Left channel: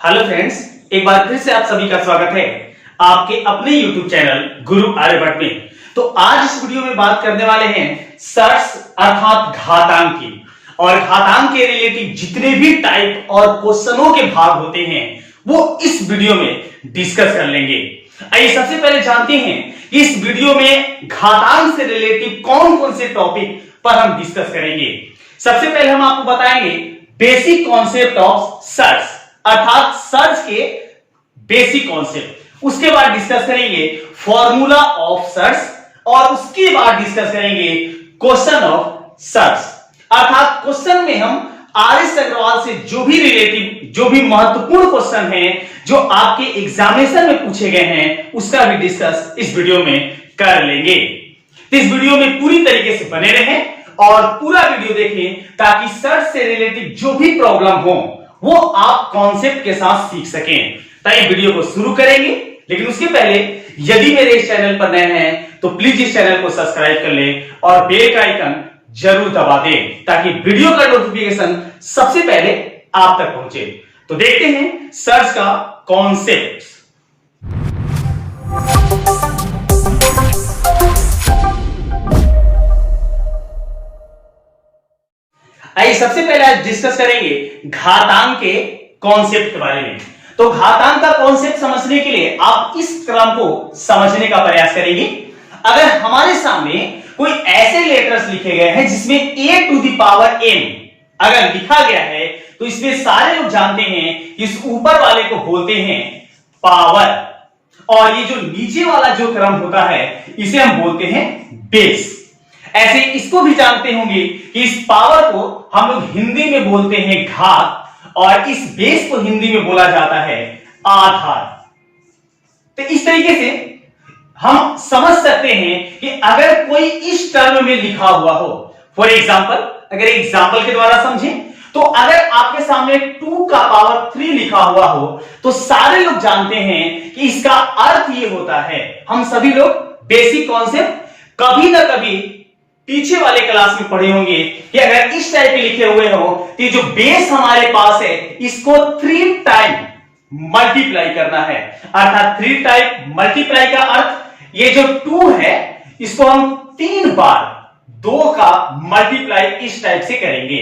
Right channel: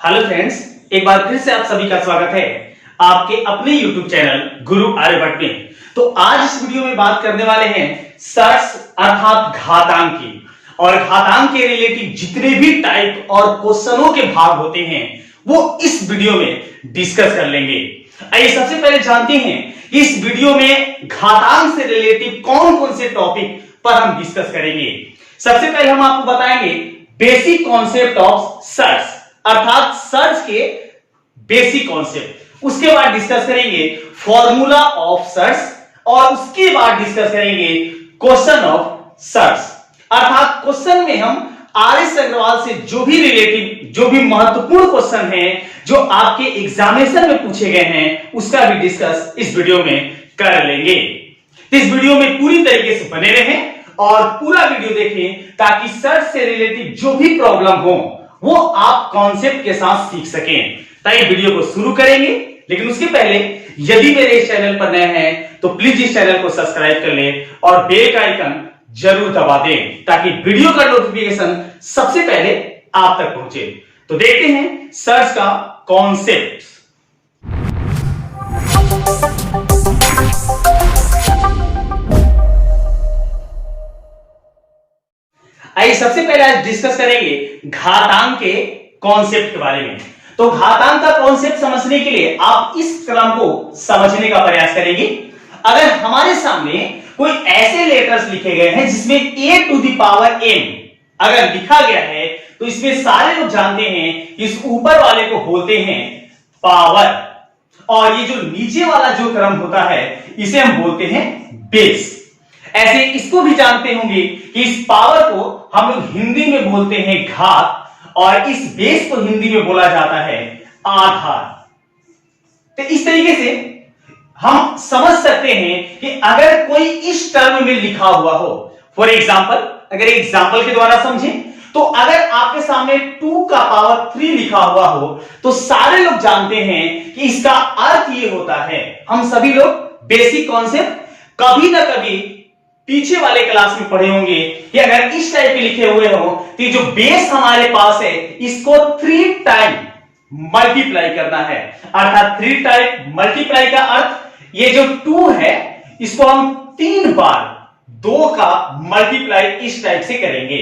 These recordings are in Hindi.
हेलो फ्रेंड्स, एक बार फिर से आप सभी का स्वागत है आपके अपने YouTube चैनल गुरु आर्यभट्ट में। तो आज इस वीडियो में बात करने वाले हैं सर्ट्स अर्थात घातांक की, और घातांक के रिलेटेड जितने भी टाइप और क्वेश्चनों के भाग होते हैं वो इस वीडियो में डिस्कस कर लेंगे। आइए सबसे पहले जानते हैं कि इस वीडियो में घातांक से रिलेटेड कौन कौन से टॉपिक पर हम डिस्कस करेंगे। सबसे पहले हम आपको बताएंगे बेसिक कॉन्सेप्ट ऑफ सर्ट्स अर्थात सर्च के बेसिक कॉन्सेप्ट। उसके बाद डिस्कस करेंगे फॉर्मूला ऑफ सर्च और उसके बाद डिस्कस करेंगे क्वेश्चन ऑफ सर्च अर्थात क्वेश्चन में हम आर.एस. अग्रवाल से जो भी रिलेटिव जो भी महत्वपूर्ण क्वेश्चन है जो आपके एग्जामिनेशन में पूछे गए हैं उसका भी डिस्कस इस वीडियो में कर लेंगे। इस वीडियो में पूरी तरीके से बने रहें और पूरा वीडियो देखें ताकि सर्च से रिलेटेड जो भी प्रॉब्लम हो वो आप कॉन्सेप्ट के साथ सीख सकें। तो वीडियो को शुरू करेंगे, लेकिन उसके पहले यदि मेरे इस चैनल पर नए हैं तो प्लीज इस चैनल को सब्सक्राइब कर लें और बेल का आइकन जरूर दबा दें ताकि वीडियो का नोटिफिकेशन सबसे पहले आप तक पहुंचे। तो देखते हैं सर्च का कॉन्सेप्ट। आइए सबसे पहले आज डिस्कस करेंगे घातांक के कॉन्सेप्ट के बारे में। तो घातांक का कॉन्सेप्ट समझने के लिए आप इस क्रम को समझने का प्रयास करेंगे। अगर हमारे सामने कोई ऐसे लेटर्स लिखे गए हैं जिसमें a to the power m अगर लिखा गया है तो इसमें सारे लोग जानते हैं कि इस ऊपर वाले को बोलते हैं पावर, और ये जो नीचे वाला जो क्रम होता है इसे हम बोलते हैं बेस। ऐसे इसको भी जानते होंगे कि इस पावर को हम लोग हिंदी में बोलते हैं घात और इस बेस को हिंदी में बोला जाता है आधार। तो इस तरीके से हम समझ सकते हैं कि अगर कोई इस टर्म में लिखा हुआ हो, फॉर एग्जाम्पल अगर एग्जाम्पल के द्वारा समझें तो अगर आपके सामने 2 का पावर 3 लिखा हुआ हो तो सारे लोग जानते हैं कि इसका अर्थ ये होता है। हम सभी लोग बेसिक कॉन्सेप्ट कभी ना कभी पीछे वाले क्लास में पढ़े होंगे कि अगर इस टाइप के लिखे हुए हो तो जो बेस हमारे पास है इसको 3 टाइम मल्टीप्लाई करना है, अर्थात 3 टाइम मल्टीप्लाई का अर्थ ये जो 2 है इसको हम 3 बार 2 का मल्टीप्लाई इस टाइप से करेंगे,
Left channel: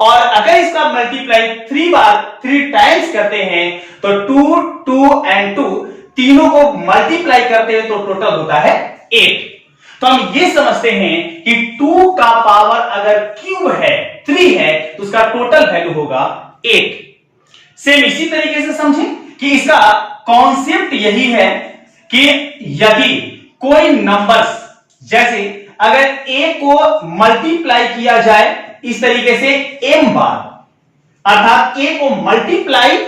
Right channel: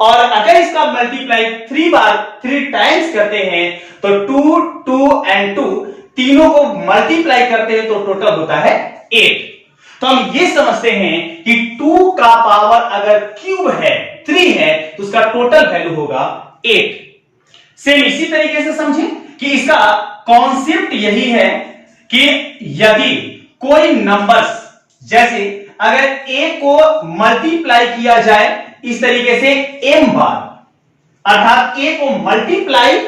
और अगर इसका मल्टीप्लाई 3 बार 3 टाइम्स करते हैं तो 2 2 एंड 2 तीनों को मल्टीप्लाई करते हैं तो टोटल होता है 8। तो हम ये समझते हैं कि 2 का पावर अगर क्यूब है 3 है तो उसका टोटल वैल्यू होगा 8। सेम इसी तरीके से समझें कि इसका कॉन्सेप्ट यही है कि यदि कोई नंबर्स जैसे अगर a को मल्टीप्लाई किया जाए इस तरीके से m बार, अर्थात a को मल्टीप्लाई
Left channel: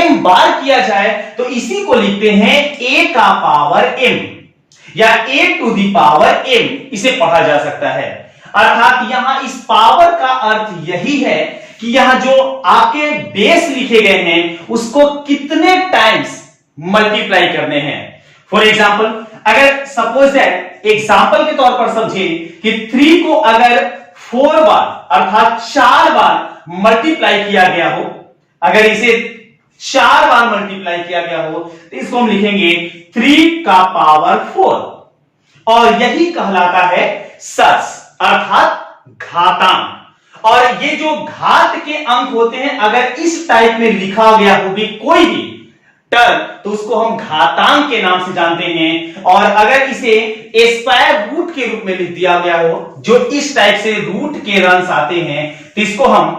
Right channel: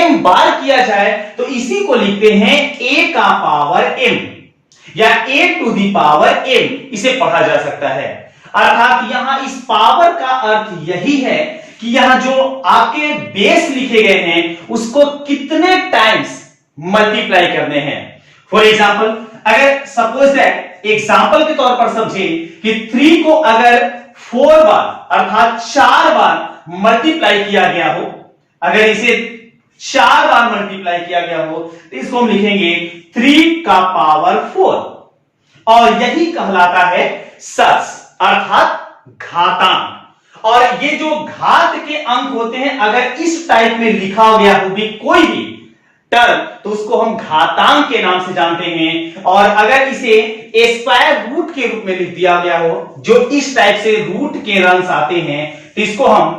m बार किया जाए तो इसी को लिखते हैं a का पावर m या a to the power m इसे पढ़ा जा सकता है। अर्थात यहां इस पावर का अर्थ यही है कि यहां जो आपके बेस लिखे गए हैं उसको कितने टाइम्स मल्टीप्लाई करने हैं। फॉर एग्जाम्पल अगर सपोज दैट एग्जाम्पल के तौर पर समझे कि 3 को अगर 4 बार अर्थात 4 बार मल्टीप्लाई किया गया हो, अगर इसे 4 बार मल्टीप्लाई किया गया हो तो इसको हम लिखेंगे 3 का पावर 4, और यही कहलाता है सर्च अर्थात घातांक। और ये जो घात के अंक होते हैं अगर इस टाइप में लिखा गया हो भी कोई भी टर्म तो उसको हम घातांक के नाम से जानते हैं, और अगर इसे स्क्वायर रूट के रूप में लिख दिया गया हो जो इस टाइप से रूट के रंस आते हैं तो इसको हम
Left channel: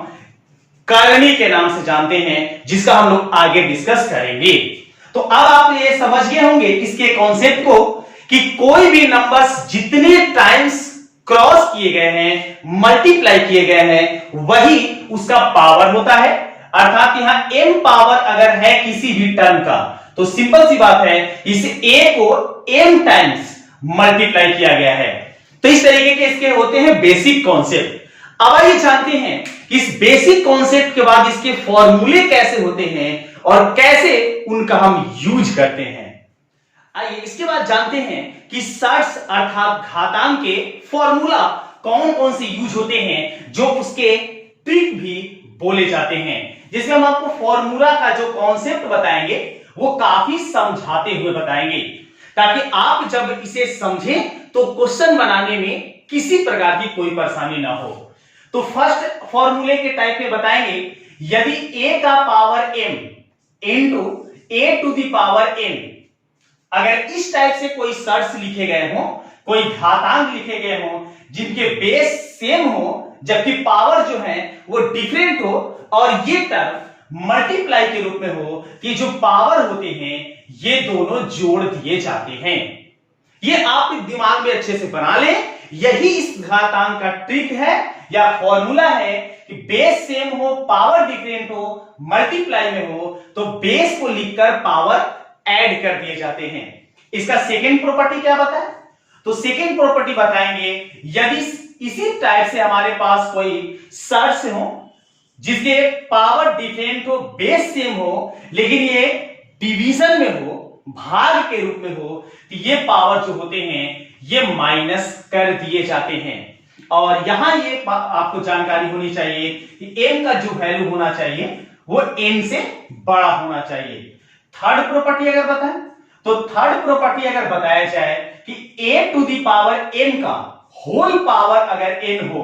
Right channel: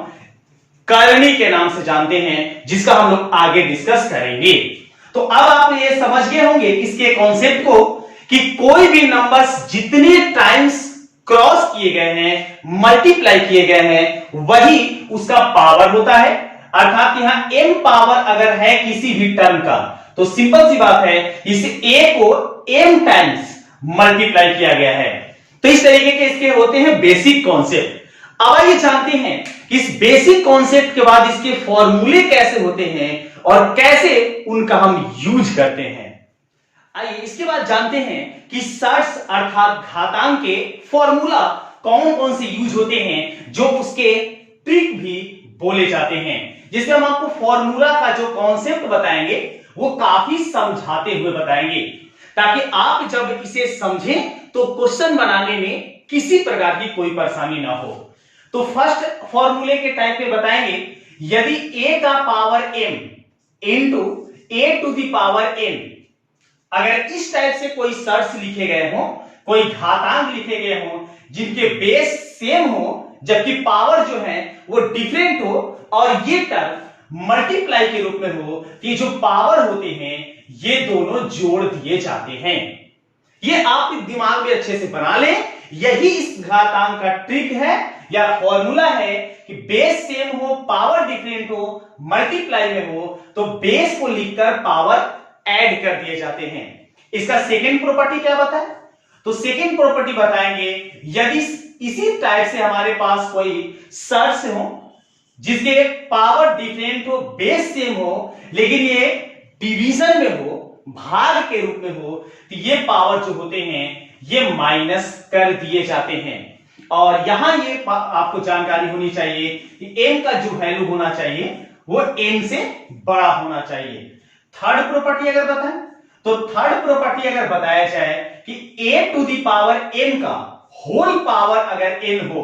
करनी के नाम से जानते हैं, जिसका हम लोग आगे डिस्कस करेंगे। तो अब आप ये समझ गए होंगे इसके कॉन्सेप्ट को कि कोई भी नंबर्स जितने टाइम्स क्रॉस किए गए हैं मल्टीप्लाई किए गए हैं वही उसका पावर होता है। अर्थात यहां m पावर अगर है किसी भी टर्म का तो सिंपल सी बात है इस a को m टाइम्स मल्टीप्लाई किया गया है। तो इस तरीके के इसके होते हैं बेसिक कॉन्सेप्ट। अब आइए जानते हैं इस बेसिक कॉन्सेप्ट के बाद इसके फॉर्मूले कैसे होते हैं और कैसे उनका हम यूज करते हैं। आइए इसके बाद जानते हैं कि सर्ट्स अर्थात घातांक के फॉर्मूला कौन कौन से यूज होते हैं, जो उसके ट्रिक भी बोले जाते हैं। जिसमें हम आपको फॉर्मूला का जो कॉन्सेप्ट बताएंगे वो काफी समझाते हुए बताएंगे, ताकि आप जब इसे समझें तो क्वेश्चन बनाने में किसी प्रकार की कोई परेशानी ना हो। तो फर्स्ट फॉर्मूले के टाइप में बताएंगे, यदि a का पावर m इंटू a to the power n, अगर इस टाइप से कोई शर्त लिखे गए हो, कोई घातांक लिखे गए हो जिनके बेस सेम हो जबकि पावर जो है वो डिफरेंट हो, और ये टर्म मल्टीप्लाई के रूप में हो कि जो पावर होते हैं ये दोनों जोड़ दिए जाते हैं। ये आप दिमाग में अच्छे से बना लें, यही इस घातांक का ट्रिक है या फॉर्मूला है कि बेस सेम हो, पावर डिफरेंट हो, मल्टीप्लाई में हो तो बेस को लिखकर पावर ऐड कर दिए जाते हैं। इसका सेकंड प्रॉपर्टी क्या बताए? तो सेकंड प्रॉपर्टी बताएंगे, यदि इसी टाइप से हमारे पास कोई शर्त हो जिसके पावर डिफरेंट हो, बेस सेम हो, लेकिन ये डिवीजन में हो, भाग के रूप में हो, तो ये पावर जो होते हैं ये माइनस कर दिए जाते हैं। और यहां ये आपको जानकारी होनी चाहिए कि m का जो वैल्यू होना चाहिए वो n से बड़ा होना चाहिए। थर्ड प्रॉपर्टी अगर बताएं तो थर्ड प्रॉपर्टी अगर बताया जाए कि a to the power n का होल पावर अगर n हो,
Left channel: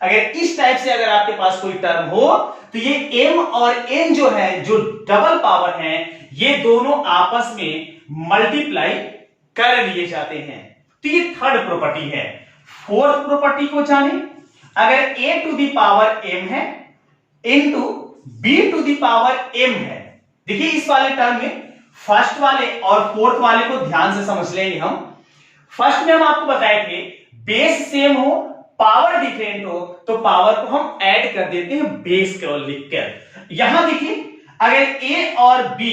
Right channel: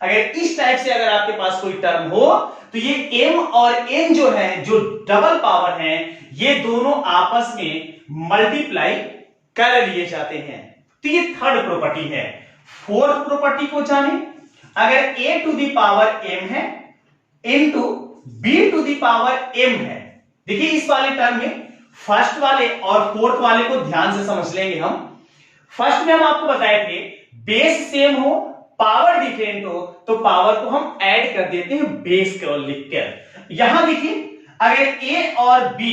अगर इस टाइप से अगर आपके पास कोई टर्म हो तो ये m और n जो है, जो डबल पावर है, ये दोनों आपस में मल्टीप्लाई कर लिए जाते हैं। तो ये थर्ड प्रॉपर्टी है। फोर्थ प्रॉपर्टी को जाने, अगर a to the power m है into b to the power m है। देखिए इस वाले टर्म में फर्स्ट वाले और फोर्थ वाले को ध्यान से समझ लेंगे हम। फर्स्ट में हम आपको बताए थे बेस सेम हो, पावर डिफरेंट हो तो पावर को हम ऐड कर देते हैं बेस को लिखकर। यहां देखिए अगर a और b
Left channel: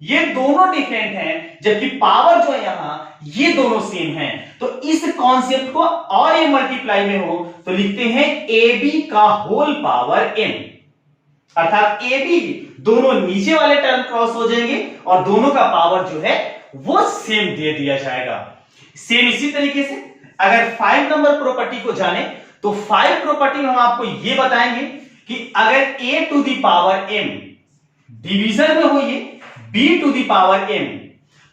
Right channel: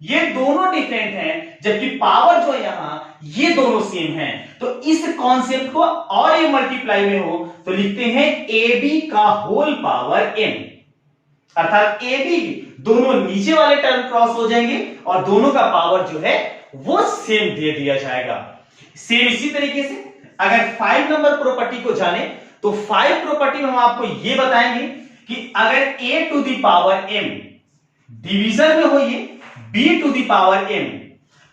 ये दोनों डिफरेंट हैं जबकि पावर जो है यहां ये दोनों सेम हैं, तो इस कॉन्सेप्ट को और ये मल्टीप्लाई में हो तो लिखते हैं ab का होल पावर m, अर्थात ab दोनों नीचे वाले टर्म क्रॉस हो जाएंगे और दोनों का पावर जो है वो सेम दे दिया जाएगा। सेम इसी तरीके से अगर 5 नंबर प्रॉपर्टी को जाने तो 5 प्रॉपर्टी में हम आपको ये बताएंगे कि अगर a to the power m डिवीजन में हो ये b to the power m,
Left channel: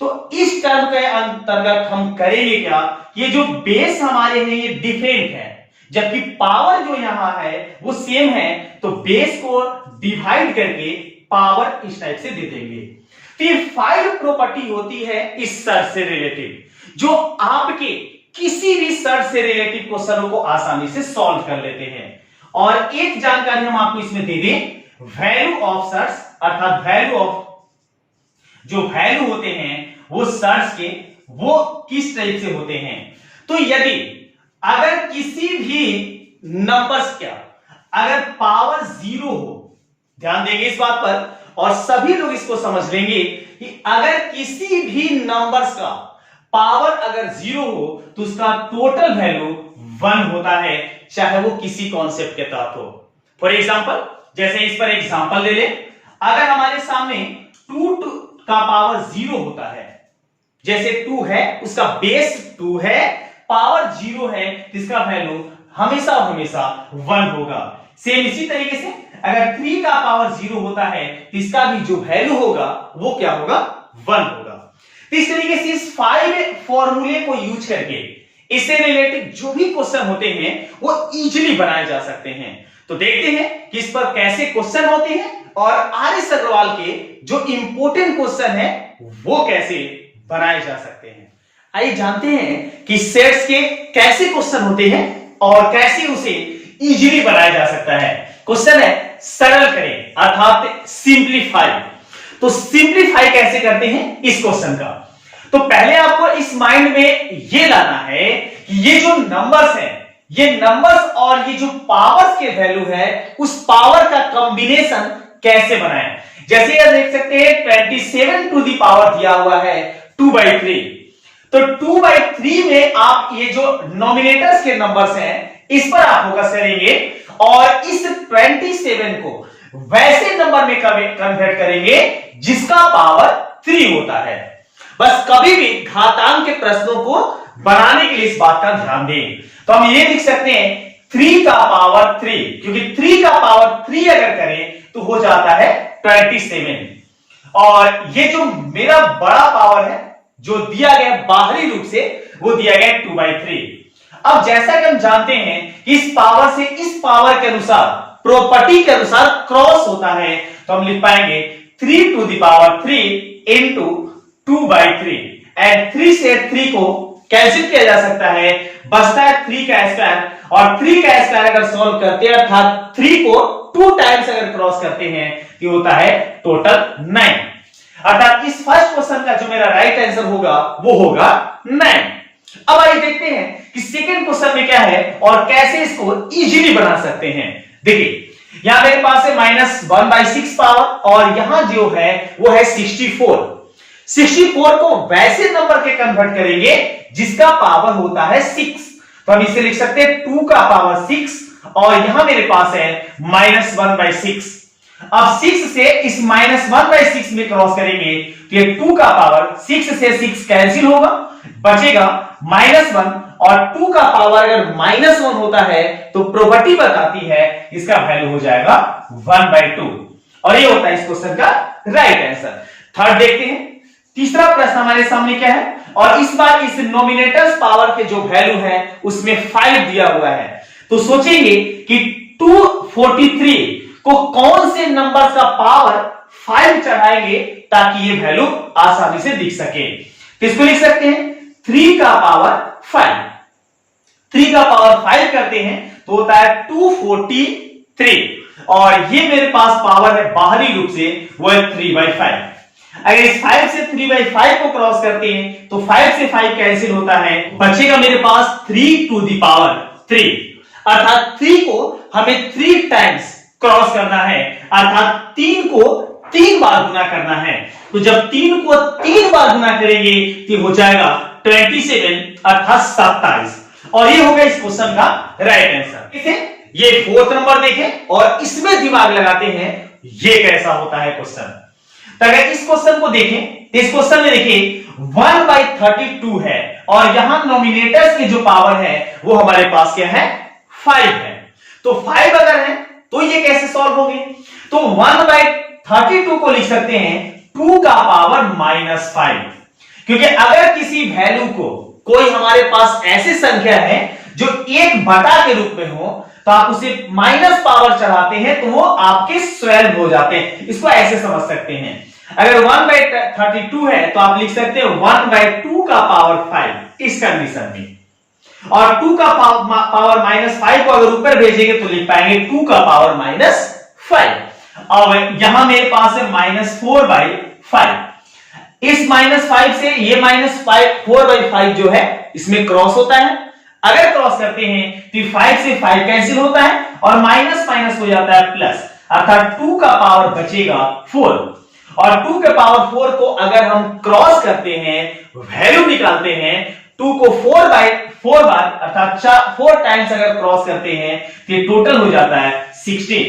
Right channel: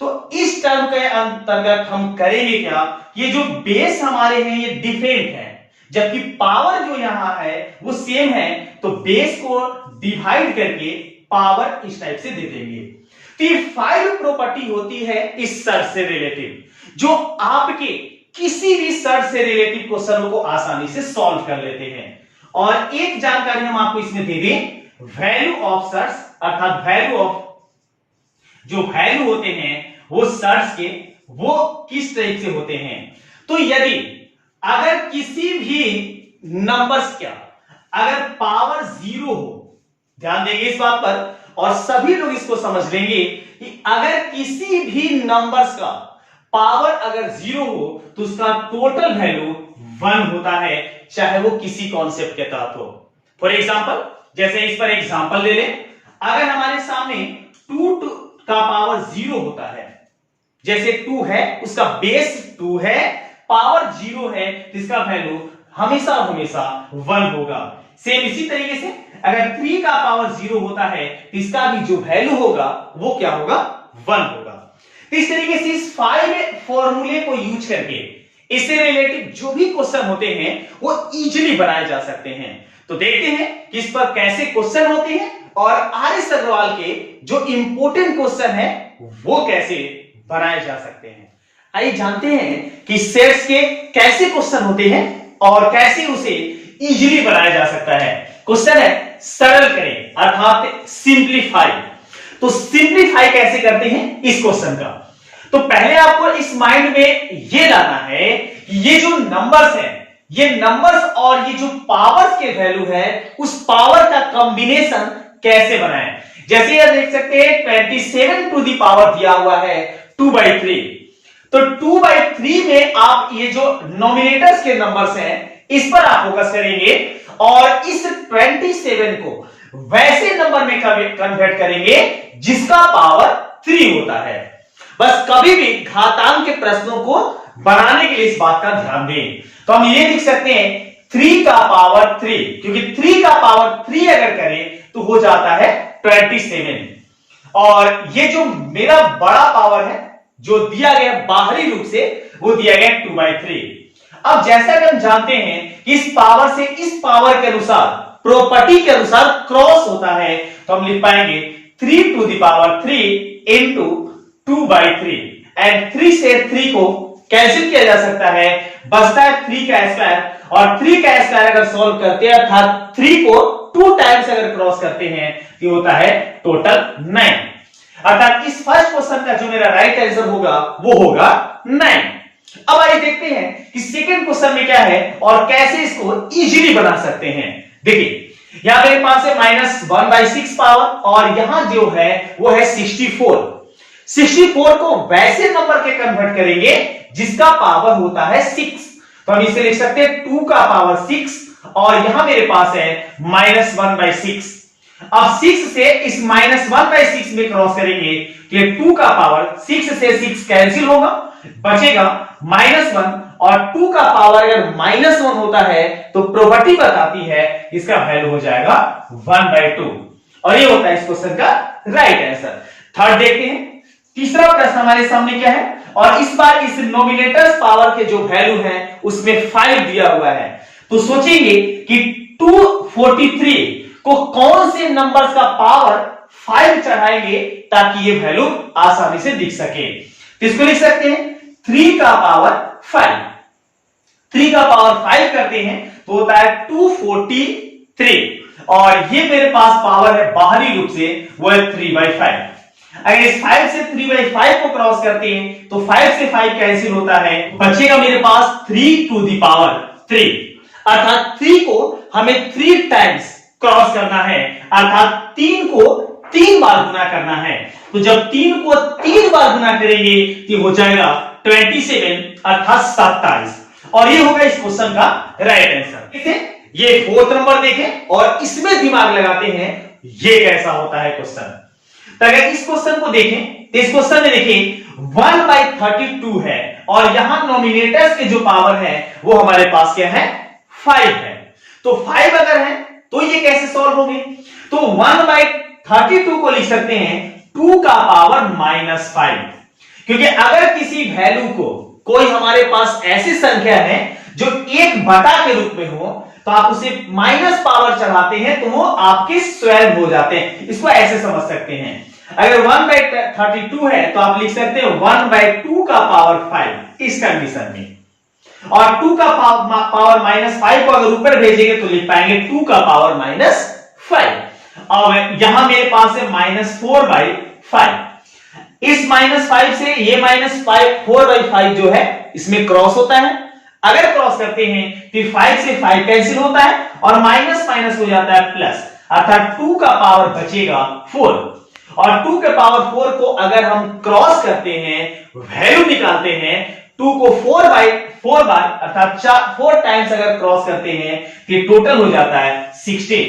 तो इस टर्म के अंतर्गत हम करेंगे क्या, ये जो बेस हमारे हैं ये डिफरेंट है जबकि पावर जो यहां है वो सेम है, तो बेस को डिवाइड करके पावर इस टाइप से दे देंगे। तो ये 5 प्रॉपर्टी होती है इस शर्त से रिलेटिव, जो आपके किसी भी शर्त से रिलेटिव क्वेश्चनों को आसानी से सॉल्व कर लेते हैं। और एक जानकारी हम आपको इसमें दे दें, वैल्यू ऑफ शर्ट्स, अर्थात वैल्यू ऑफ जो वैल्यू होते हैं वो शर्ट्स के वो किस टाइप से होते हैं। तो यदि अगर किसी भी नंबर्स का अगर पावर 0 हो, ध्यान देंगे इस बात पर और सभी लोग इसको समझ लेंगे कि अगर किसी भी नंबर्स का पावर अगर 0 हो तो उसका टोटल वैल्यू 1 होता है, चाहे वो किसी कॉन्सेप्ट के तहत हो। फॉर एग्जांपल, जैसे इस पर एग्जांपल ले लें, अगर हमारे सामने 2 का पावर 0 होता है, जैसे 2 है उसका बेस 2 है, पावर 0 है, इसका वैल्यू हमेशा हमेशा 1 होगा। सेम इसी तरीके से अगर 3 का पावर 0 होता है तो इसका भी जो वैल्यू होगा वो क्या होगा, 1 होगा। तो इस तरीके से इस 5 फॉर्मूले को यूज करके इससे रिलेटेड जो भी क्वेश्चन होते हैं वो इजीली बनाए जा सकते हैं। तो देखते हैं कि इस पर कैसे क्वेश्चन होते हैं और आर.एस. अग्रवाल के जो इंपॉर्टेंट क्वेश्चन है वो कैसे बनाए जा सकते हैं। आइए जानते हैं कि सेट्स के कैसे क्वेश्चन होते हैं और कैसे उसे इजीली बनाया जा सकता है। क्वेश्चन है सरल करें, अर्थात सिंप्लीफाई। तो सिंप्लीफाई कैसे करते हैं इस क्वेश्चन का, तो पहले आपको इस माइंड में ये लाना है कि ये जो नंबर्स हैं, ये नंबर्स और ये जो पावर्स के वैल्यू है उस पावर का कॉम्बिनेशन कैसे बनाएं। जैसे ये देख सकते हैं 27 टू द पावर दिया हुआ है 2/3, तो 2/3 में आप ये जो नॉमिनेटर्स के नंबर्स हैं इस पर आप फोकस करेंगे और इस 27 को वैसे नंबर में कन्वर्ट करेंगे जिसका पावर 3 होता है। बस कभी भी घातांक के प्रश्नों को बनाने के लिए इस बात का ध्यान दें। तो हम ये लिख सकते हैं 3 का पावर 3, क्योंकि 3 का पावर 3 अगर करें तो हो जाता है 27। और ये जो मेरा बड़ा पावर है जो दिया गया बाहरी रूप से, वो दिया गया 2/3। अब जैसा कि हम जानते हैं कि इस पावर से इस पावर के अनुसार, प्रॉपर्टी के अनुसार क्रॉस होता है, तो हम लिख पाएंगे 3 into 2/3। एंड 3 से 3 को कैंसिल किया जा सकता है, बचता है 3 का स्क्वायर। और 3 का स्क्वायर अगर सॉल्व करते हैं अर्थात 3 को 2 टाइम्स अगर क्रॉस करते हैं तो होता है टोटल 9। अर्थात इस फर्स्ट क्वेश्चन का जो मेरा राइट आंसर होगा वो होगा 9। अब आइए देखते हैं कि सेकंड क्वेश्चन में क्या है और कैसे इसको इजीली बना सकते हैं। देखिए यहां मेरे पास है -1/6 पावर और यहां जो है वो है 64। 64 को वैसे नंबर के कन्वर्ट करेंगे जिसका पावर होता है 6। तो हम इसे लिख सकते हैं 2 का पावर 6 और यहां मेरे पास है -1/6। अब 6 से इस -1/6 में क्रॉस करेंगे तो ये 2 का पावर 6 से 6 कैंसिल होगा, बचेगा -1। और 2 का पावर अगर -1 होता है तो प्रॉपर्टी बताती है इसका वैल्यू हो जाएगा 1/2 और ये होता है इस क्वेश्चन का राइट आंसर। थर्ड देखते हैं, तीसरा प्रश्न हमारे सामने क्या है और इस बार इस नॉमिनेटर्स पावर के जो वैल्यू है उसमें 5 दिया हुआ है। तो सोचेंगे कि 243 को कौन से नंबर्स का पावर 5 चढ़ाएंगे ताकि ये वैल्यू आसानी से दिख सके। तो इसको लिख सकते हैं 3 का पावर 5। 3 का पावर 5 करते हैं तो होता है 243 और ये मेरे पास पावर है बाहरी रूप से वो है 3/5। अगर इस 5 से 3/5 को क्रॉस करते हैं तो 5 से 5 कैंसिल होता है, बचेगा मेरे पास 3 टू द पावर 3। अर्थात 3 को हमें 3 टाइम्स क्रॉस करना है, अर्थात 3 को 3 बार गुना करना है। तो जब 3 को 3 बार गुना करेंगे तो हो जाएगा 27 अर्थात 27 और ये होगा इस क्वेश्चन का राइट आंसर। ठीक है, ये फोर्थ नंबर देखें और इसमें दिमाग लगाते हैं ये कैसा होता है क्वेश्चन। तो अगर इस क्वेश्चन को देखें तो इस क्वेश्चन में देखिए 1/32 है और यहां नॉमिनेटर्स के जो पावर है वो हमारे पास क्या है 5 है। तो 5 अगर है तो ये कैसे सॉल्व होंगे, तो 1/32 को लिख सकते हैं 2 का पावर -5। क्योंकि अगर किसी वैल्यू को कोई हमारे पास ऐसी संख्या है जो 1/, के रूप में हो तो आप उसे माइनस पावर चढ़ाते हैं तो वो आपके 12 हो जाते हैं। इसको ऐसे समझ सकते हैं, अगर 1/32 है तो आप लिख सकते हैं 1/2 का पावर 5 इस कंडीशन में, और 2 का पावर -5 को अगर ऊपर भेजेंगे तो लिख पाएंगे 2 का पावर -5। अब यहां मेरे पास है -4/5। इस -5 से ये -4/5 जो है इसमें क्रॉस होता है, अगर क्रॉस करते हैं तो 5 से 5 कैंसिल होता है और माइनस माइनस हो जाता है प्लस, अर्थात 2 का पावर बचेगा 4। और 2 के पावर 4 को अगर हम क्रॉस करते हैं, वैल्यू निकालते हैं, 2 को 4 बार अर्थात 4 टाइम्स अगर क्रॉस करते हैं तो टोटल हो जाता है 16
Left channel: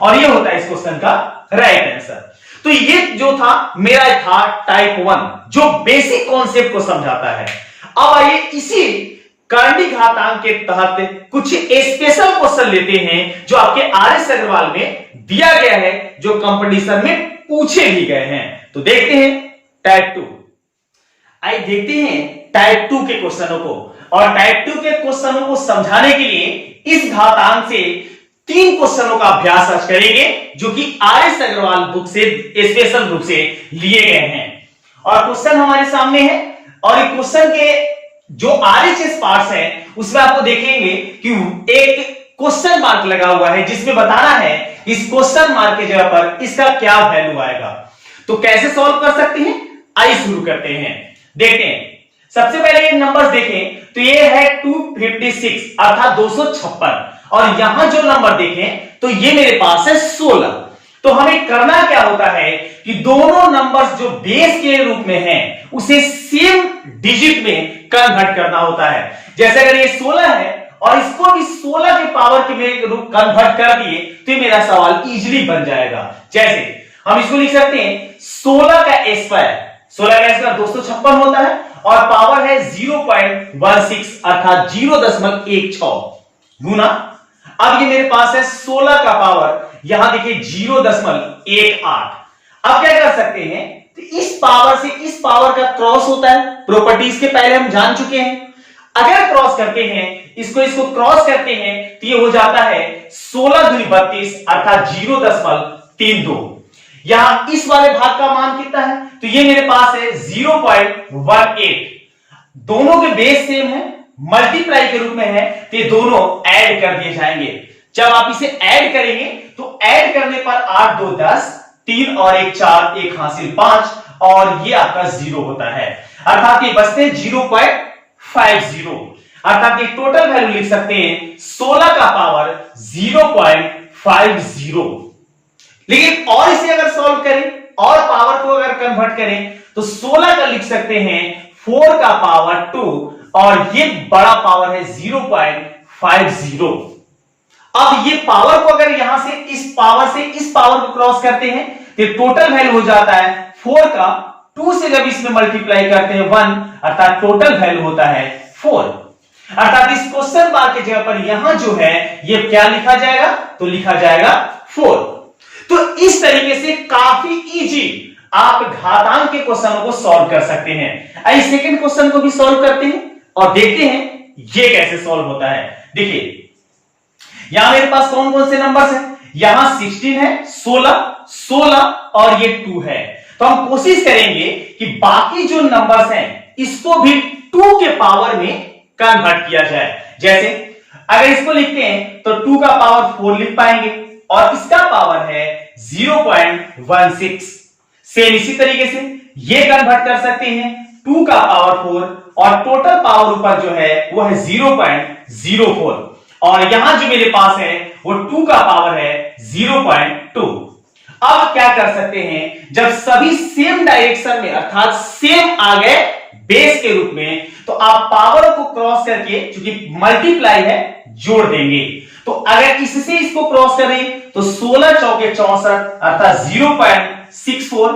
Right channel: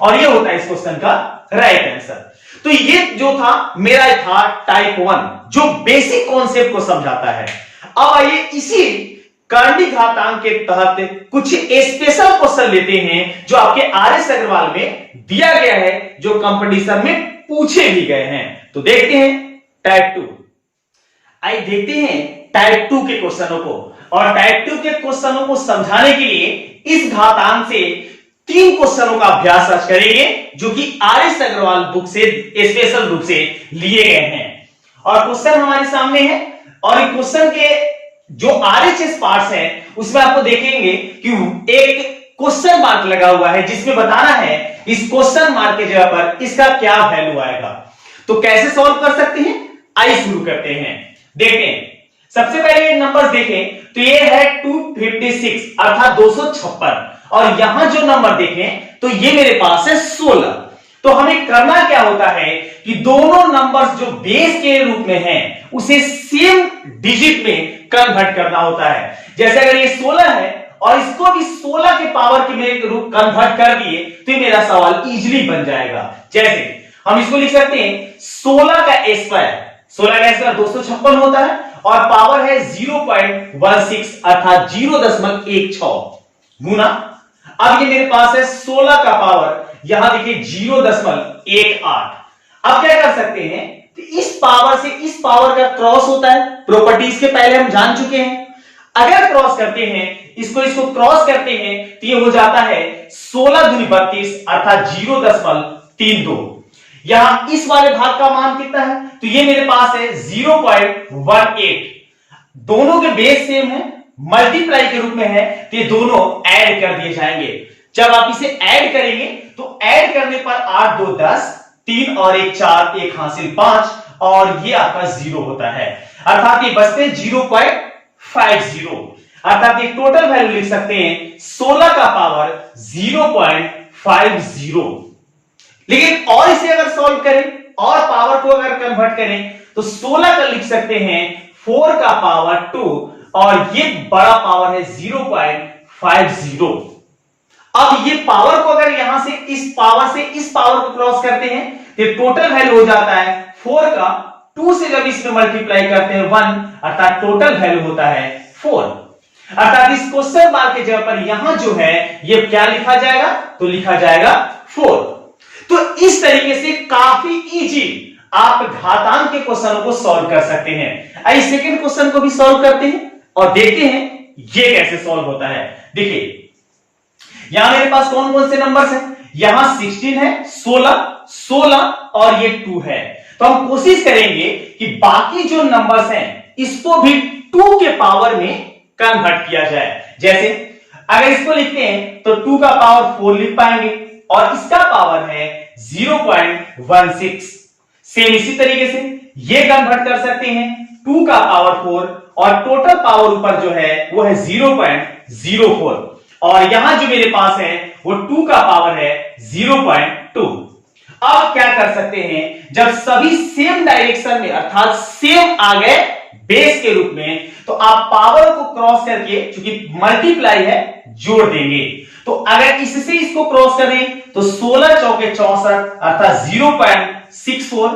और ये होता है इस क्वेश्चन का राइट आंसर। तो ये जो था मेरा था टाइप 1 जो बेसिक कॉन्सेप्ट को समझाता है। अब आइए इसी कर्णी घातांक के तहत कुछ स्पेशल क्वेश्चन लेते हैं जो आपके आरएस अग्रवाल में दिया गया है, जो कंपटीशन में पूछे भी गए हैं। तो देखते हैं टाइप 2। आइए देखते हैं टाइप 2 के क्वेश्चनों को, और टाइप 2 के क्वेश्चनों को समझाने के लिए इस घातांक से 3 क्वेश्चनों का अभ्यास आज करेंगे जो कि आरएस अग्रवाल बुक से स्पेशल रूप से लिए गए हैं। और क्वेश्चन हमारे सामने है और इस क्वेश्चन के जो आरएचएस पार्ट्स हैं उसमें आपको देखेंगे कि एक क्वेश्चन मार्क लगा हुआ है जिसमें बताना है इस क्वेश्चन मार्क की जगह पर इसका क्या वैल्यू आएगा। तो कैसे सॉल्व कर सकते हैं, आइए शुरू करते हैं। देखते हैं, सबसे पहले नंबर्स देखें तो ये है 256 अर्थात 256 और यहां जो नंबर देखें तो ये मेरे पास है 16। तो हमें करना क्या होता है कि दोनों नंबर्स जो बेस के रूप में हैं उसे सेम डिजिट में कन्वर्ट करना होता है। जैसे अगर ये 16 है और इसको भी 16 के पावर के मेरे रूप कन्वर्ट कर दिए तो ये मेरा सवाल इजीली बन जाएगा। जैसे हम इसको लिख सकते हैं 16 का स्क्वायर, 16 का स्क्वायर 256 होता है और पावर है 0.16 अर्थात 0.16 गुना। अब ये मेरे पास है 16 का पावर यहां देखिए 0.18। अब क्या कर सकते हैं, तो इस पावर से इस पावर का क्रॉस होता है, प्रॉपर्टीज के पहले हम जान चुके हैं। अगर क्रॉस करते हैं, इसको क्रॉस करते हैं, तो ये हो जाता है 16 दूनी 32 अर्थात 0.32। यहां इस वाले भाग का मान कितना है, तो ये मेरे पास है 0.18। दोनों के बेस सेम है, मल्टीप्लाई के रूप में है, तो ये दोनों ऐड कर दिए जाएंगे। जब आप इसे ऐड करेंगे तो ऐड करने पर 8 2 10, 3 और 1 4, 1 हासिल 5 और ये आपका 0 होता है, अर्थात ये बचते 0.50। अर्थात ये टोटल वैल्यू लिख सकते हैं 16 का पावर 0.50। लेकिन और इसे अगर सॉल्व करें और पावर को अगर कन्वर्ट करें तो 16 का लिख सकते हैं 4 का पावर 2 और ये बड़ा पावर है 0.50। अब ये पावर को अगर यहां से इस पावर को क्रॉस करते हैं तो टोटल वैल्यू हो जाता है 4 का 2 से जब इसमें मल्टीप्लाई करते हैं 1, अर्थात टोटल वैल्यू होता है 4। अर्थात इस क्वेश्चन मार्क की जगह पर यहां जो है ये क्या लिखा जाएगा, तो लिखा जाएगा 4। तो इस तरीके से काफी इजी आप घातांक के क्वेश्चनों को सॉल्व कर सकते हैं। आइए सेकंड क्वेश्चन को भी सॉल्व करते हैं और देखते हैं ये कैसे सॉल्व होता है। देखिए यहां मेरे पास कौन कौन से नंबर्स हैं, यहां 16 है, 16 और ये 2 है। तो हम कोशिश करेंगे कि बाकी जो नंबर्स हैं इसको भी 2 के पावर में कन्वर्ट किया जाए। जैसे अगर इसको लिखते हैं तो 2 का पावर 4 लिख पाएंगे और इसका पावर है 0.16। सेम इसी तरीके से ये कन्वर्ट कर सकते हैं 2 का पावर 4 और टोटल पावर ऊपर जो है वो है 0.04 और यहां जो मेरे पास है वो 2 का पावर है 0.2। अब क्या कर सकते हैं, जब सभी सेम डायरेक्शन में अर्थात सेम आ गए बेस के रूप में, तो आप पावर को क्रॉस करके, चूंकि मल्टीप्लाई है, जोड़ देंगे। तो अगर इससे इसको क्रॉस करें तो 16 चौके 64 अर्थात 0.64।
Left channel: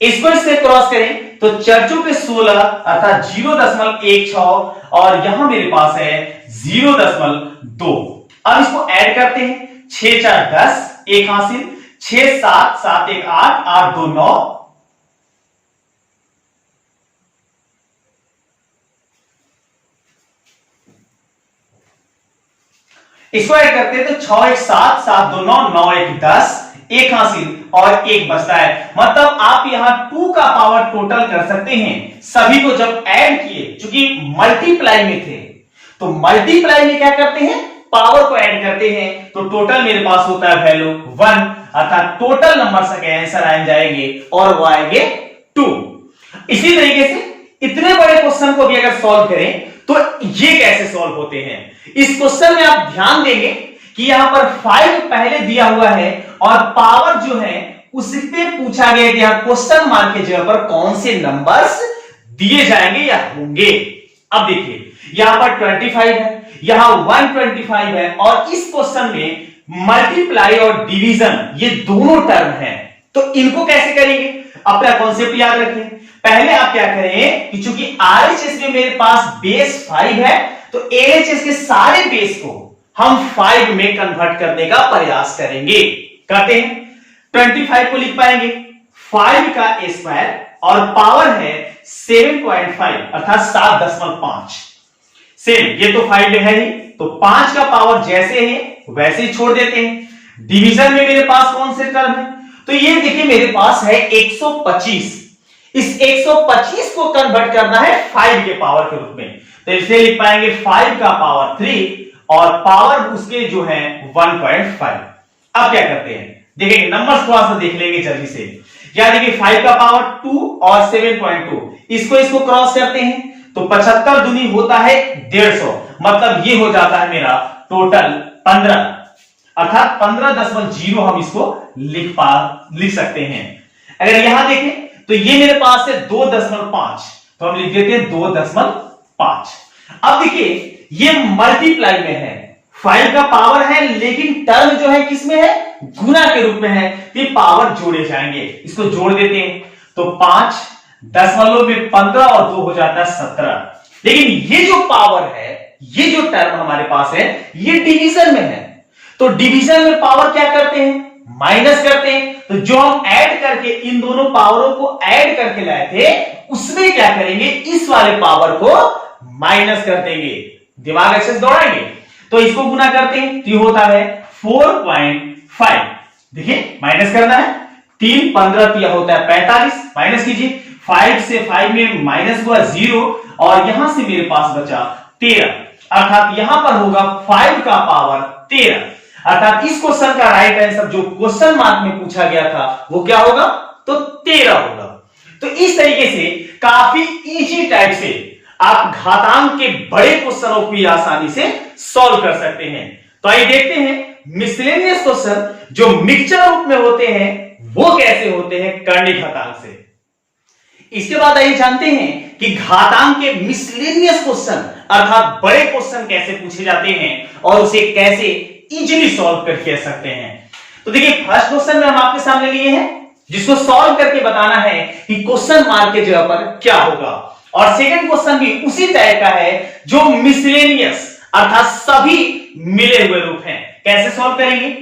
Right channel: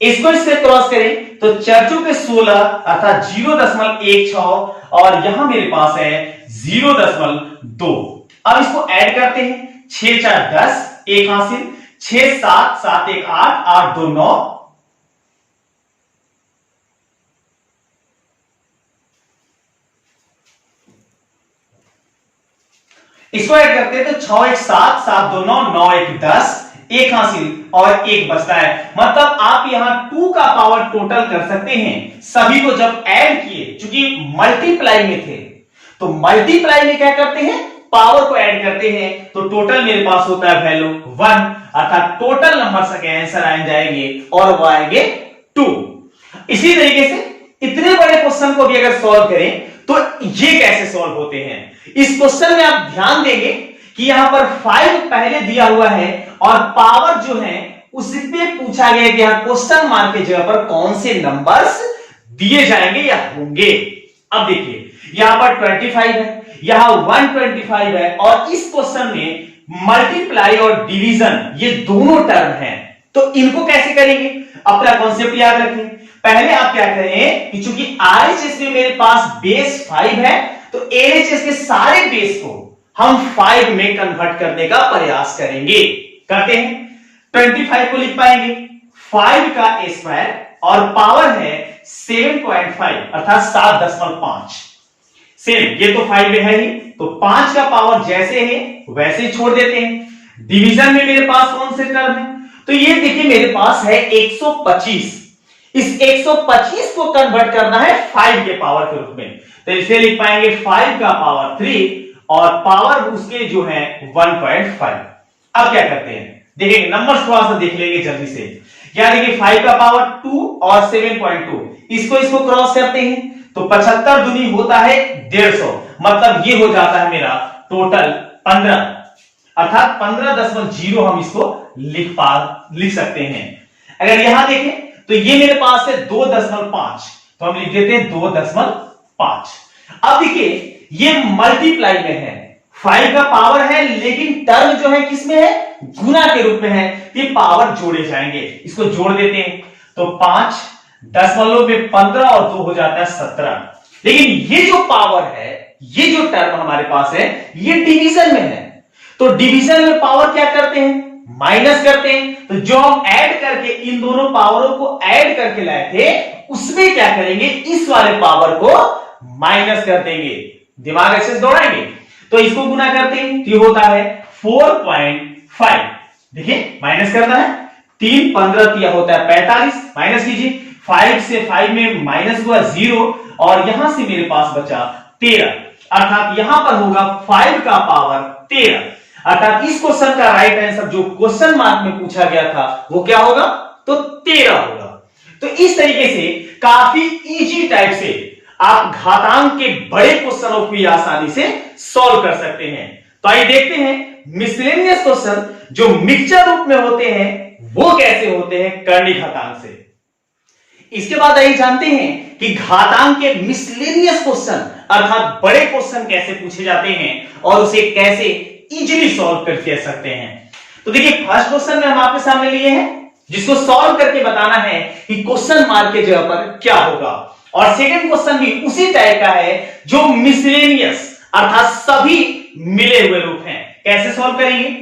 इसको इससे क्रॉस करें तो 4 चौके 16 अर्थात 0.16 और यहां मेरे पास है 0.2। अब इसको ऐड करते हैं, 6 4 10, 1 हासिल, 6 7 7 1 8, 8 2 9, इसको ऐड करते हैं तो 6 1 7, 7 2 9, 9 1 10, 1 हासिल और 1 बचता है। मतलब आप यहां 2 का पावर टोटल कर सकते हैं। सभी को जब ऐड किए, चूंकि मल्टीप्लाई में थे, तो मल्टीप्लाई में क्या करते हैं, पावर को ऐड करते हैं, तो टोटल मेरे पास होता है वैल्यू 1, अर्थात टोटल नंबर के आंसर आ जाएंगे और वो आएंगे 2। इसी तरीके से इतने बड़े क्वेश्चन को भी अगर सॉल्व करें तो ये कैसे सॉल्व होते हैं, इस क्वेश्चन में आप ध्यान देंगे कि यहां पर 5 पहले दिया हुआ है और पावर जो है उसपे पूछा गया कि यहां क्वेश्चन मार्क की जगह पर कौन से नंबर्स दिए जाएंगे या होंगे। अब देखिए यहां पर 25 है, यहां 125 है और इस क्वेश्चन में मल्टीप्लाई और डिवीजन ये दोनों टर्म हैं, तो इनको कैसे करेंगे, अपना कॉन्सेप्ट याद रखें। पहले आप क्या करें कि चूंकि आरएचएस में मेरे पास बेस 5 है, तो एलएचएस के सारे बेस को हम 5 में कन्वर्ट करने का प्रयास करेंगे। करते हैं, 25 को लिख पाएंगे 5 का स्क्वायर और पावर है 7.5 अर्थात 7.5। सेम ये तो 5 में है ही, तो 5 का पावर जैसे है वैसे ही छोड़ देते हैं। डिवीजन में मेरे पास कौन से टर्म है, तो ये देखिए मेरे पास है 125। इस 125 को कन्वर्ट करना है 5 के पावर के रूप में, तो इसे लिख पाएंगे 5 का पावर 3 और पावर उसके जो है 1.5। अब क्या करते हैं, देखिए नंबर्स थोड़ा सा देख लेंगे जल्दी से। या देखिए 5 का पावर 2 और 7.2, इसको क्रॉस करते हैं तो 75 दूनी होता है 150, मतलब ये हो जाता है मेरा टोटल 15, अर्थात 15.0 हम इसको लिख सकते हैं। अगर यहां देखें तो ये मेरे पास है 2.5, तो हम लिख देते हैं 2.5। अब देखिए ये मल्टीप्लाई में है, 5 का पावर है लेकिन टर्म जो है किसमें है, गुना के रूप में है, ये पावर जोड़े जाएंगे, इसको जोड़ देते हैं तो 5 दशमलव में 15 और 2 हो जाता है 17। लेकिन ये जो पावर है, ये जो टर्म हमारे पास है, ये डिवीजन में है, तो डिवीजन में पावर क्या करते हैं, माइनस करते हैं, तो जो हम ऐड करके इन दोनों पावरों को ऐड करके लाए थे उसमें क्या करेंगे, इस वाले पावर को माइनस कर देंगे। दिमाग अच्छे से दौड़ाएंगे। तो इसको गुना करते हैं तो ये होता है 4.5। देखिए माइनस करना है, 3 15 यह होता है 45, माइनस कीजिए, 5 से 5 में माइनस हुआ 0 और यहां से मेरे पास बचा 13, अर्थात यहां पर होगा 5 का पावर 13, अर्थात इस क्वेश्चन का राइट आंसर जो क्वेश्चन मार्क में पूछा गया था वो क्या होगा, तो 13 होगा। तो इस तरीके से काफी इजी टाइप से आप घातांक के बड़े क्वेश्चनों को आसानी से सॉल्व कर सकते हैं। तो आइए देखते हैं मिसलेनियस क्वेश्चन जो मिक्सचर रूप में होते हैं वो कैसे होते हैं कर्णिक घातांक से। इसके बाद आइए जानते हैं कि घातांक के मिसलेनियस क्वेश्चन अर्थात बड़े क्वेश्चन कैसे पूछे जाते हैं और उसे कैसे इजीली सॉल्व कर सकते हैं। तो देखिए फर्स्ट क्वेश्चन में हम आपके सामने लिए हैं जिसको सॉल्व करके बताना है कि क्वेश्चन मार्क के जगह पर क्या होगा, और सेकंड क्वेश्चन भी उसी टाइप का है जो मिसलेनियस अर्थात सभी मिले हुए रूप हैं। कैसे सॉल्व करेंगे,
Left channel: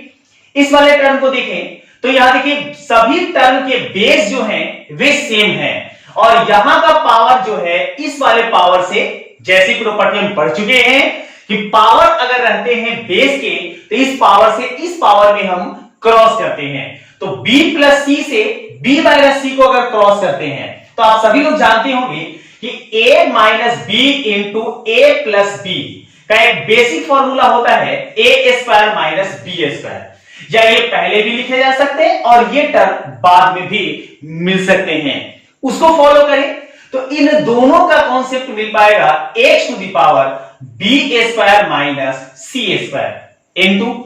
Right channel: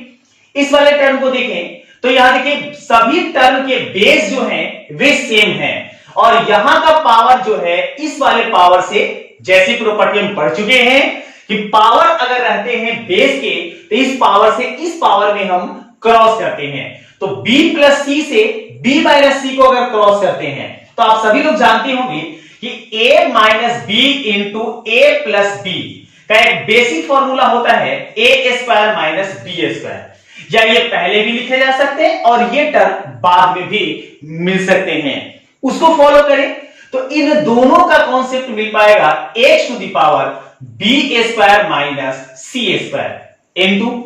इस वाले टर्म को देखें तो यहां देखिए सभी टर्म के बेस जो हैं वे सेम हैं और यहां का पावर जो है इस वाले पावर से, जैसी प्रॉपर्टी हम पढ़ चुके हैं कि पावर अगर रहते हैं बेस के तो इस पावर से इस पावर में हम क्रॉस करते हैं। तो b प्लस सी से b माइनस सी को अगर क्रॉस करते हैं तो आप सभी लोग जानते होंगे कि a minus B into A plus B का एक बेसिक फॉर्मूला होता है A square minus B square, या ये पहले भी लिखे जा सकते हैं और ये टर्म बाद में भी मिल सकते हैं। उसको फॉलो करें तो इन दोनों का कॉन्सेप्ट मिल पाएगा X to the power B square minus C square into,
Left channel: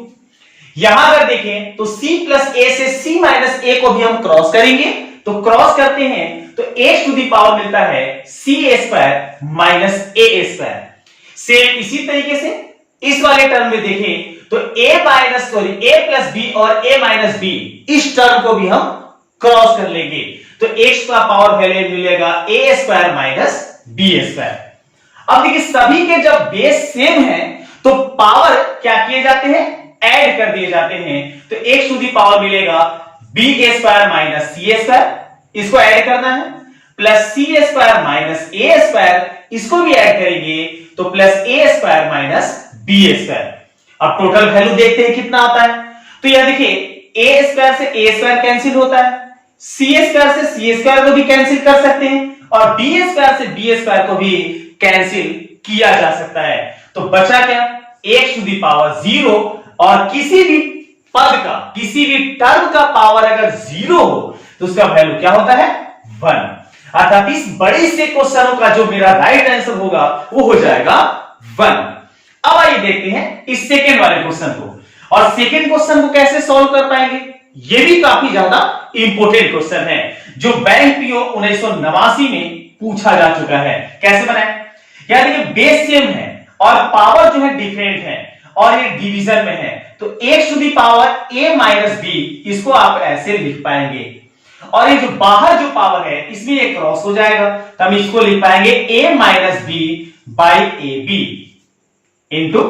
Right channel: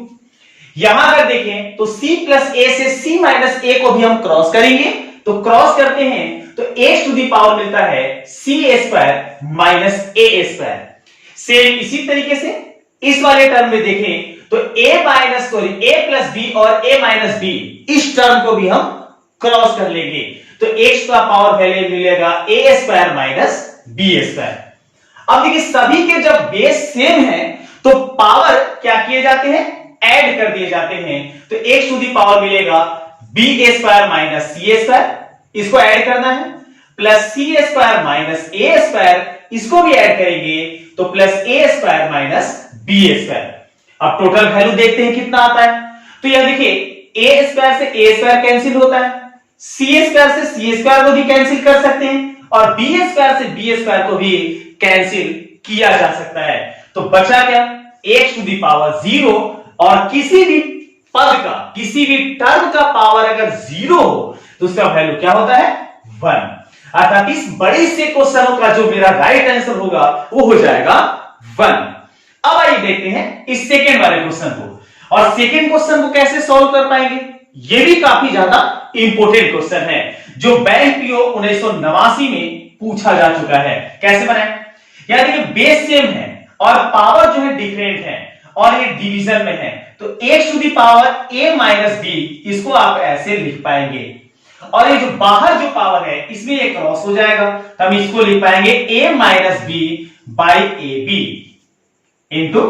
यहां अगर देखें तो c प्लस ए से c माइनस ए को भी हम क्रॉस करेंगे, तो क्रॉस करते हैं तो x टू दी पावर मिलता है c स्क्वायर माइनस ए स्क्वायर। सेम इसी तरीके से इस वाले टर्म में देखें तो a minus a plus B और a माइनस बी इस टर्म को भी हम क्रॉस कर लेंगे, तो x का पावर वैल्यू मिलेगा a square minus B square. अब देखिए सभी के जब बेस सेम है तो पावर क्या किए जाते हैं, ऐड कर दिए जाते हैं, तो x टू दी पावर मिलेगा b square minus C square, इसको ऐड करना है, प्लस सी स्क्वायर माइनस ए स्क्वायर, इसको भी ऐड करेंगे तो प्लस ए स्क्वायर माइनस बी स्क्वायर। अब टोटल वैल्यू देखते हैं कितना आता है, तो यह देखिए ए स्क्वायर से ए स्क्वायर कैंसिल होता है, सी स्क्वायर से सी स्क्वायर को भी कैंसिल कर सकते हैं और बी स्क्वायर से बी स्क्वायर को भी कैंसिल किया जा सकता है। तो बचा क्या, x टू दी पावर 0 और किसी भी पद का किसी भी टर्म का पावर अगर 0 हो तो उसका वैल्यू क्या होता है, 1, अर्थात इस बड़े से क्वेश्चनों का जो मेरा राइट आंसर होगा वो हो जाएगा 1। अब आइए देखते हैं इस सेकेंड वाले क्वेश्चन को, और सेकेंड क्वेश्चन को कैसे सॉल्व कर पाएंगे, ये भी काफी ज्यादा इंपॉर्टेंट क्वेश्चन है जो बैंक पीओ 1989 में पूछा जा चुका है। कैसे बनाए, यार देखिए बेस सेम है और पावर जो है डिफरेंट है और ये डिवीजन में है, तो x to the power a minus B, इसको आप ऐसे लिख पाएंगे और ये जो बाहर जो पावर है इसमें ये क्रॉस हो जाएगा, तो हम इसको लिख पाएंगे a minus B by A B into,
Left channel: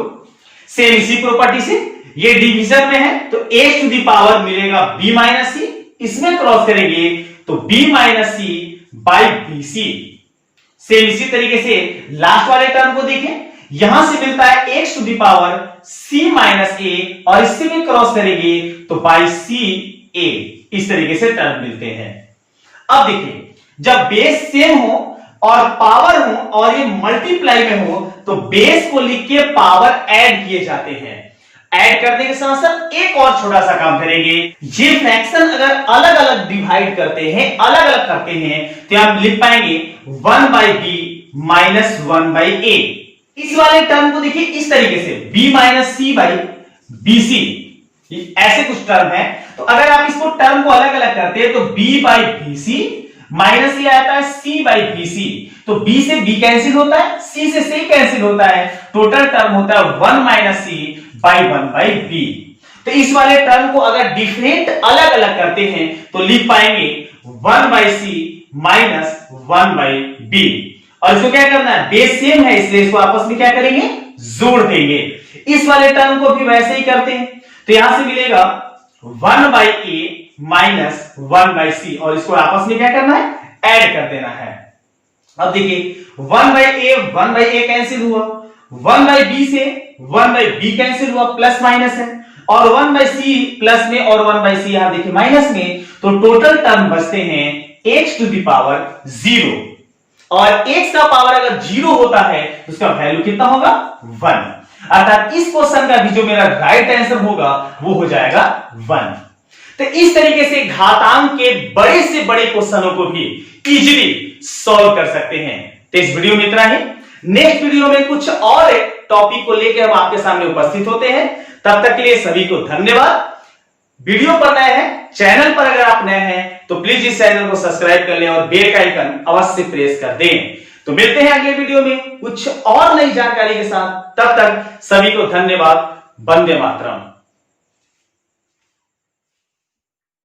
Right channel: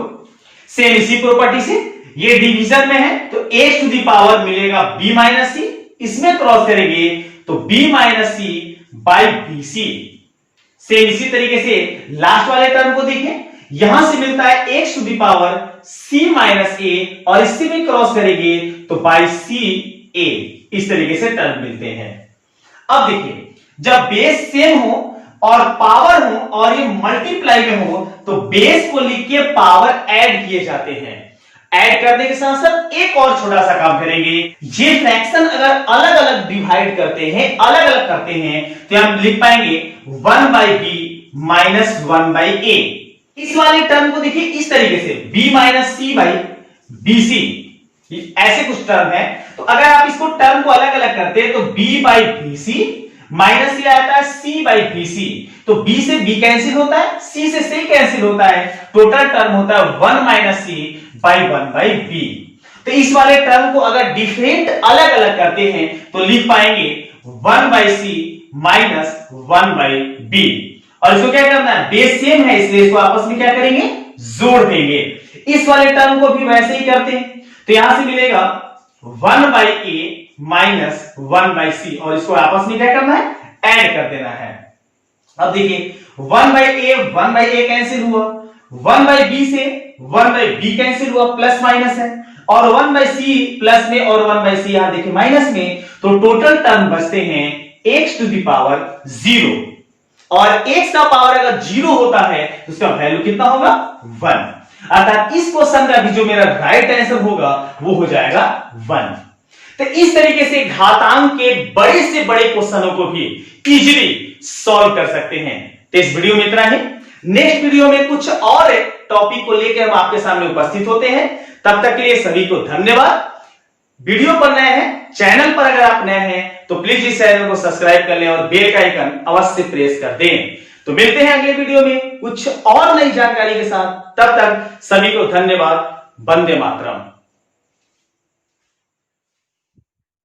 same इसी प्रॉपर्टी से ये डिवीजन में है तो x टू दी पावर मिलेगा b माइनस सी, इसमें क्रॉस करेंगे तो b minus C by B C. Same इसी तरीके से लास्ट वाले टर्म को देखें, यहां से मिलता है x to the power c minus a और इससे भी क्रॉस करेंगे तो बाई सी ए, इस तरीके से टर्म मिलते हैं। अब देखिए जब बेस सेम हो और पावर हो और ये मल्टीप्लाई में हो तो बेस को लिख के पावर ऐड किए जाते हैं। ऐड करने के साथ साथ एक और छोटा सा काम करेंगे, ये फ्रैक्शन अगर अलग अलग डिवाइड करते हैं, अलग अलग करते हैं तो हम लिख पाएंगे 1 by B minus 1 by A. इस वाले टर्म को देखिए इस तरीके से b minus C by B C, ऐसे कुछ टर्म है, तो अगर आप इसको टर्म को अलग अलग करते हैं तो b by B C minus ये आता है c बाई बी सी, तो b से b कैंसिल होता है, c से c कैंसिल होता है, टोटल टर्म होता है 1 minus C by 1 by B. तो इस वाले टर्म को अगर डिफरेंट अलग अलग करते हैं तो लिख पाएंगे 1 by C minus 1 by B, और इसको क्या करना है, बेस सेम है इसलिए इसको आपस में क्या करेंगे, जोड़ देंगे। इस वाले टर्म को भी वैसे ही करते हैं, तो यहां से मिलेगा 1/a माइनस 1/c, और इसको आपस में क्या करना है, ऐड कर देना है। अब देखिए 1/a 1/a कैंसिल हुआ, 1/b से 1/b कैंसिल हुआ, प्लस माइनस है, और 1/c प्लस में और 1/c यहां देखिए माइनस में, तो टोटल टर्म बचते हैं x टू द पावर 0, और x का पावर अगर 0 होता है तो उसका वैल्यू कितना होगा, 1। अर्थात इस क्वेश्चन का भी जो मेरा राइट आंसर होगा वो हो जाएगा 1। तो इस तरीके से घातांक के बड़े से बड़े क्वेश्चनों को भी इजीली सॉल्व कर सकते हैं। तो इस वीडियो में इतना ही, नेक्स्ट वीडियो में कुछ और टॉपिक को लेकर हम आपके सामने उपस्थित होते हैं। तब तक के लिए सभी को धन्यवाद। वीडियो पर नए हैं, चैनल पर अगर आप नए हैं तो प्लीज इस चैनल को सब्सक्राइब कर लें और बेल का आइकन अवश्य प्रेस कर दें। तो मिलते हैं अगले वीडियो में कुछ और नई जानकारी के साथ। तब तक सभी को धन्यवाद। वंदे मातरम।